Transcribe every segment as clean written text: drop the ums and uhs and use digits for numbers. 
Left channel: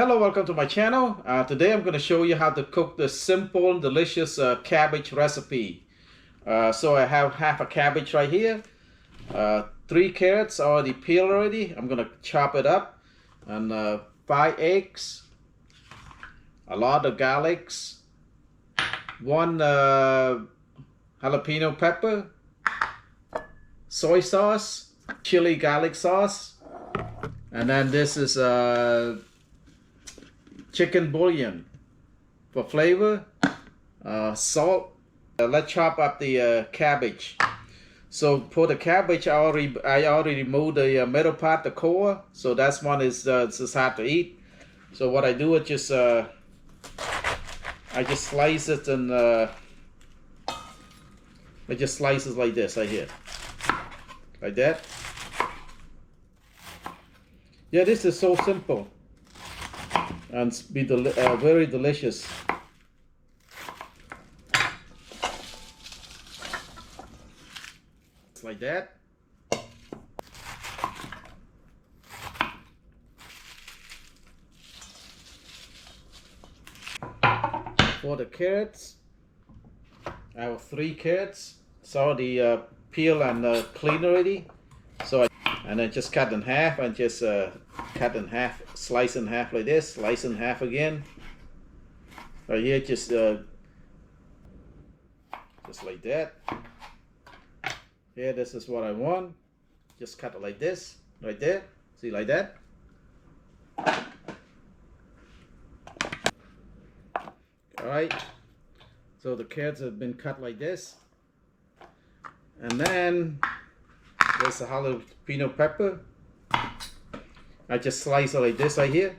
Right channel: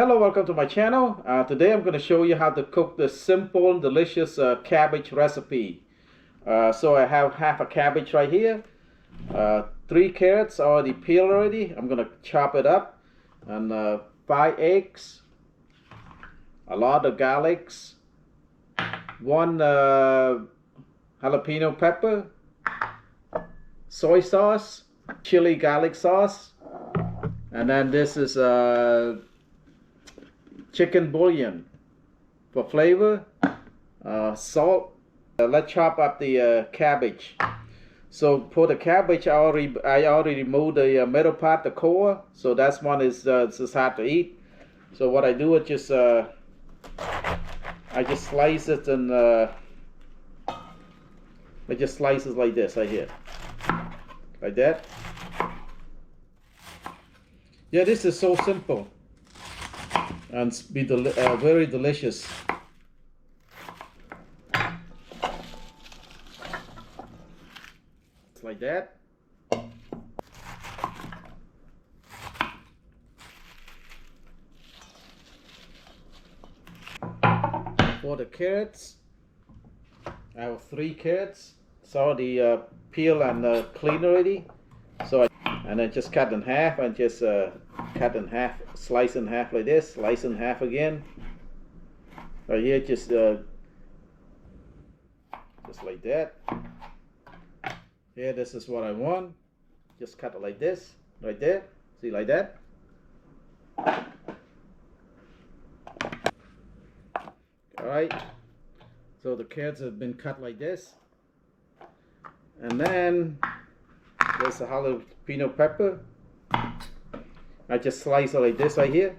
Hello, welcome to my channel. Today I'm going to show you how to cook the simple, delicious cabbage recipe. So I have half a cabbage right here. 3 carrots already peeled already. I'm going to chop it up. And 5 eggs. A lot of garlics. 1 jalapeno pepper. Soy sauce. Chili garlic sauce. And then this is chicken bouillon for flavor, salt. Let's chop up the cabbage. So for the cabbage, I already removed the middle part, the core. So that's one is just hard to eat. So what I do is just I just slice it and I just slice it like this right here, like that. Yeah, this is so simple and be very delicious. It's like that. For the carrots, I have 3 carrots. It's already peeled and cleaned already. So and then just cut in half and just cut in half, slice in half like this, slice in half again. Right here, just like that. Here, this is what I want. Just cut it like this, right there. See, like that. All right. So the carrots have been cut like this, and then there's a jalapeno pepper. I just slice it like this right here.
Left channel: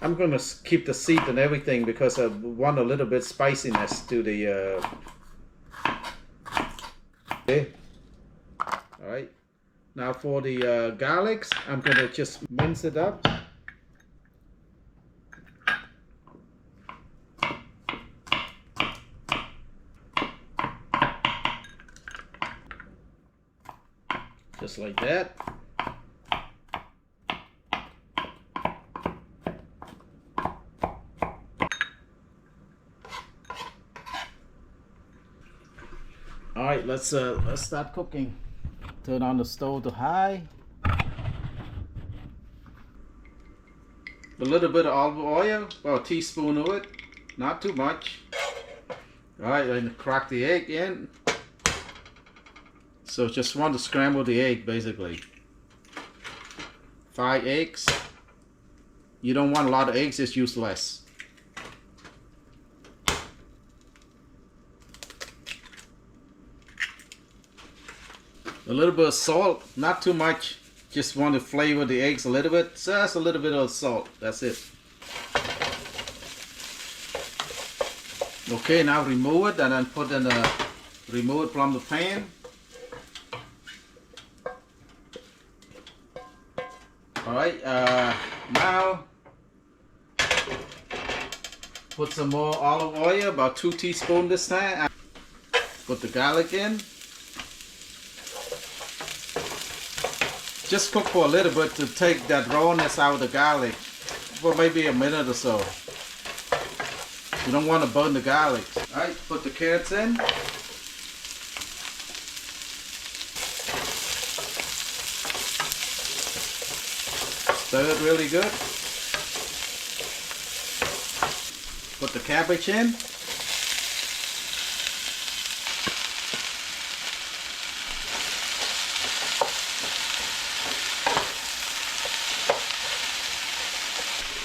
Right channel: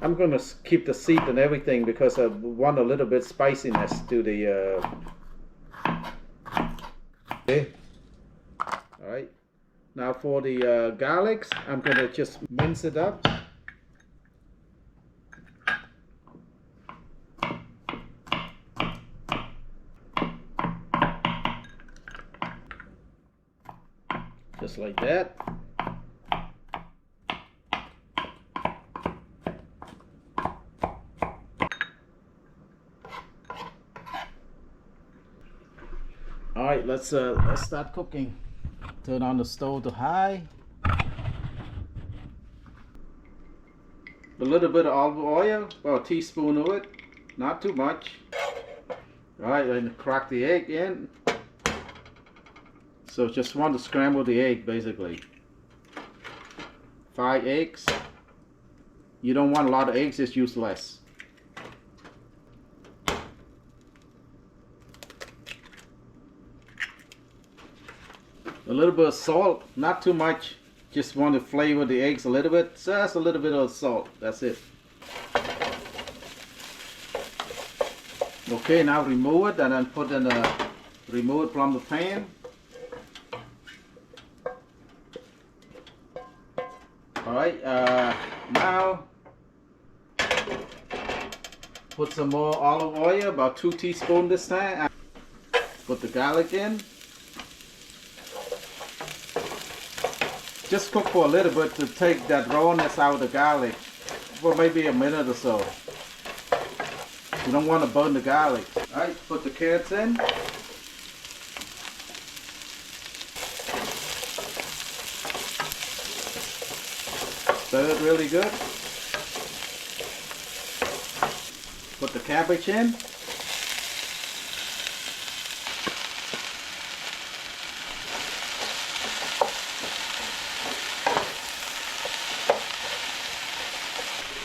I'm going to keep the seed and everything because I want a little bit spiciness to the okay. Alright. Now for the garlics, I'm going to just mince it up. Just like that. All right, let's start cooking. Turn on the stove to high. A little bit of olive oil, about a teaspoon of it, not too much. All right, then crack the egg in. So just want to scramble the egg basically. 5 eggs. You don't want a lot of eggs, just use less. A little bit of salt, not too much. Just want to flavor the eggs a little bit. Just a little bit of salt, that's it. Okay, now remove it and then put in remove it from the pan. Alright, now put some more olive oil, about 2 teaspoons this time. Put the garlic in. Just cook for a little bit to take that rawness out of the garlic for maybe a minute or so. You don't want to burn the garlic. Alright, put the carrots in. Stir it really good. Put the cabbage in.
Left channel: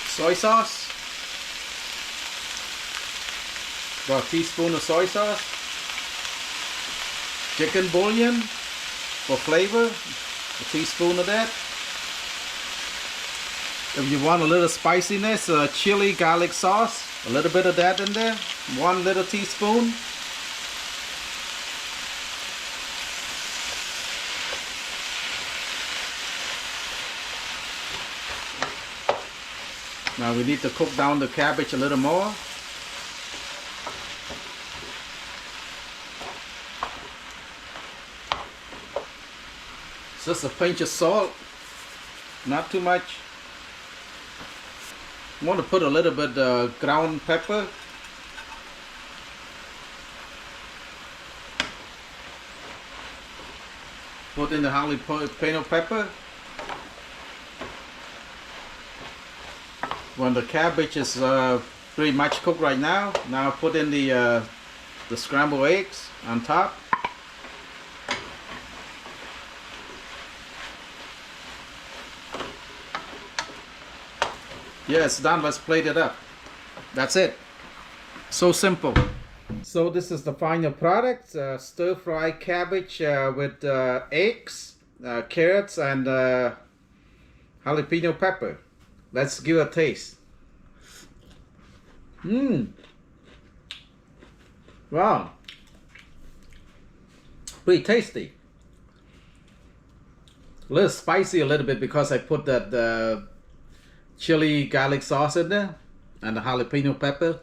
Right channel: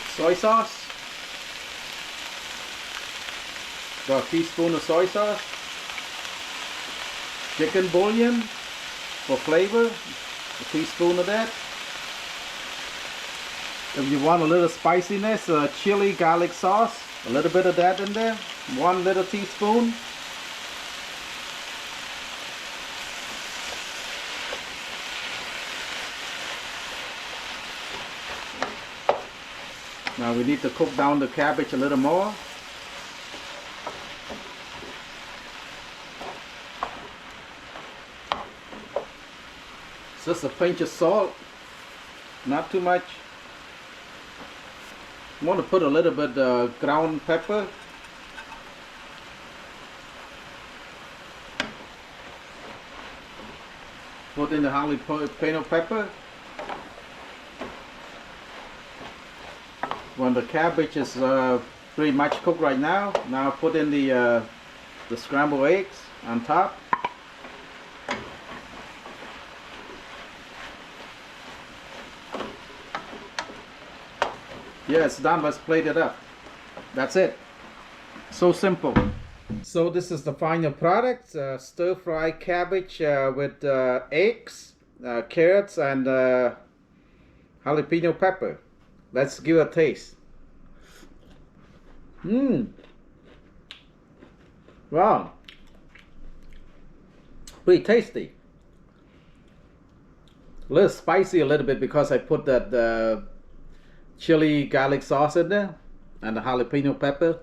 Soy sauce. About a teaspoon of soy sauce. Chicken bouillon for flavor. A teaspoon of that. If you want a little spiciness, chili garlic sauce, a little bit of that in there, 1 little teaspoon. Now we need to cook down the cabbage a little more. Just a pinch of salt, not too much. want to put a little bit ground pepper. Put in the jalapeno pepper. When the cabbage is pretty much cooked right now, put in the scrambled eggs on top. Yeah, it's done. Let's plate it up. That's it. So simple. So this is the final product. Stir-fry cabbage with eggs, carrots, and jalapeno pepper. Let's give it a taste. Wow. Pretty tasty. A little spicy a little bit because I put that chili garlic sauce in there and the jalapeno pepper.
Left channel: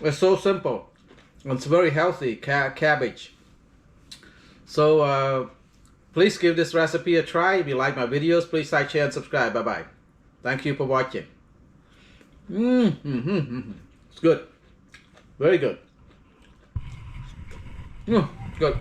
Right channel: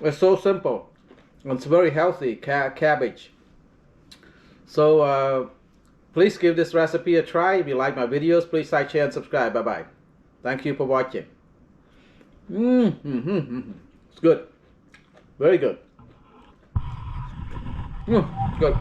It's so simple. It's very healthy cabbage. So please give this recipe a try. If you like my videos, please like, share, and subscribe. Bye bye. Thank you for watching. It's good. Very good. Good.